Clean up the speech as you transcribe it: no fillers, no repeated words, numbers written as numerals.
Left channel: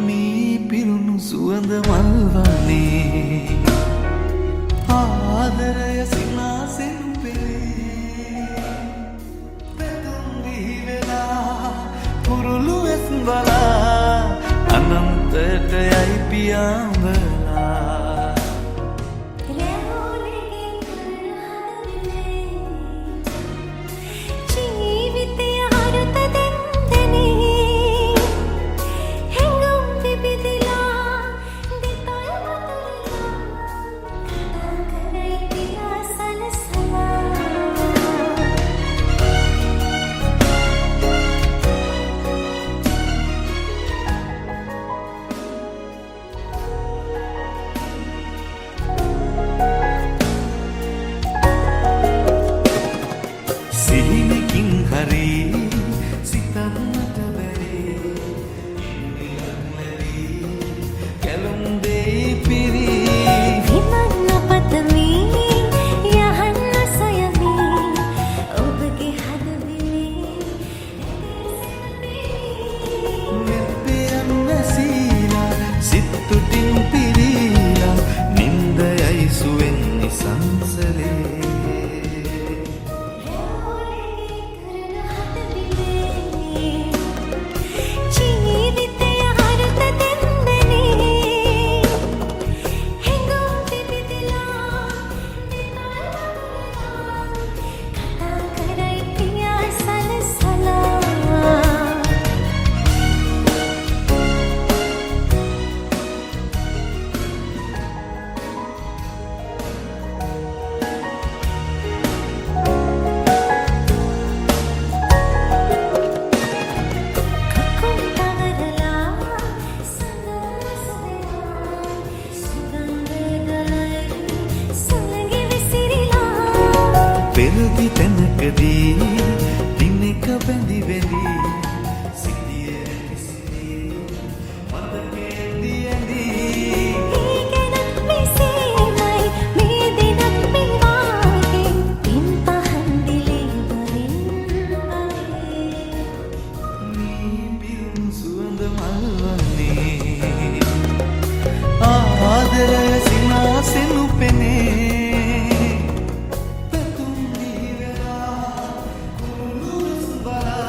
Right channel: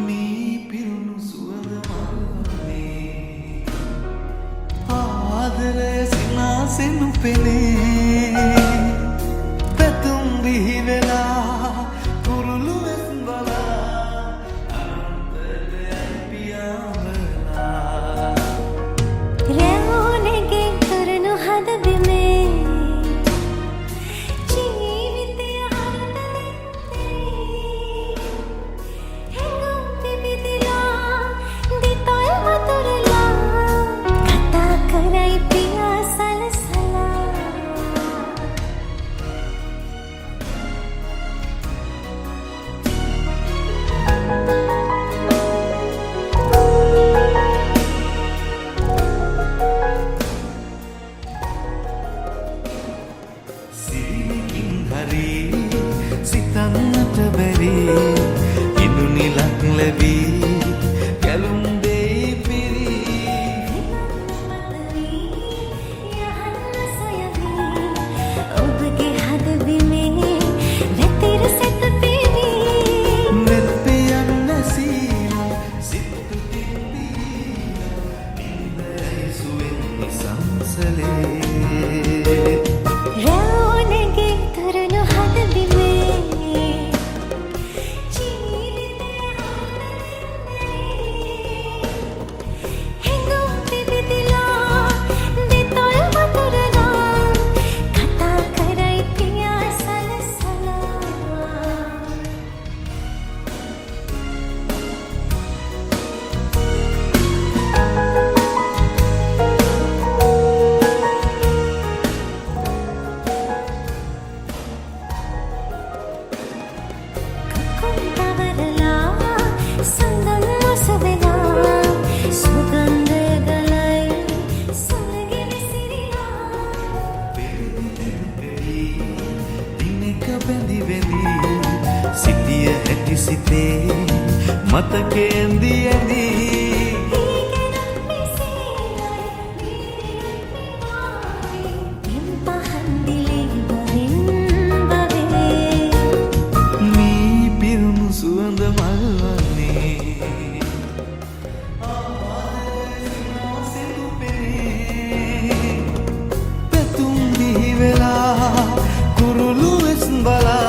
මේ පිරුණු සුවඳ මල්වනේ ආදරය සිනාසෙනු පෙනේ පැතුම් බිහිවෙලා කුරුළු ඇස් බලා අනන්තයට යයි පියාඹලා රැවුනෙගේ කරනු හද බිමේ ජීවිතය අරුත දෙන්දෙනී හැඟුම් පිබිදිලා දිතොල් වතුරලා කතා කරයි පියා සලසලා සිහිනකින් හරි සිතන්නට බැරි ඉදුනිලක් ලැබී කැලුම් දෙයි පිරි විමන්න පතමි යහන්න සොයමි ඔබගේ හද බිමේ වැතිර සැතපෙමි නෙත්පියන් නැසීලා සිත්තුටින් පිරීලා නින්දයයි සුවෙන් නිසංසලේ රැවුනෙගේ කරනු හද බිමේ ජීවිතය අරුත දෙන්දෙනී හැඟුම් පිබිදිලා දිතොල් වතුරලා කතා කරයි පියා සලසලා කකුල් තවරලා සඳන් ඔසවලා සුගන්ධ ගලයි සුළඟ විසිරිලා පෙරදි තැනකදී දිනක බැඳි බැඳි සිටිය හැටි සිතේ මතකේ ඇඳි ඇඳි ඒ ගැනත් මෙසේමයි මේ දිනත් මේ වාගේ පින් පහන් දිලේ බවින් බවේ මේ පිරුණු සුවඳ මල්වන්නේ ආදරය සිනාසෙනු පෙනේ පැතුම් බිහිවෙලා කුරුළු වෙස් බලා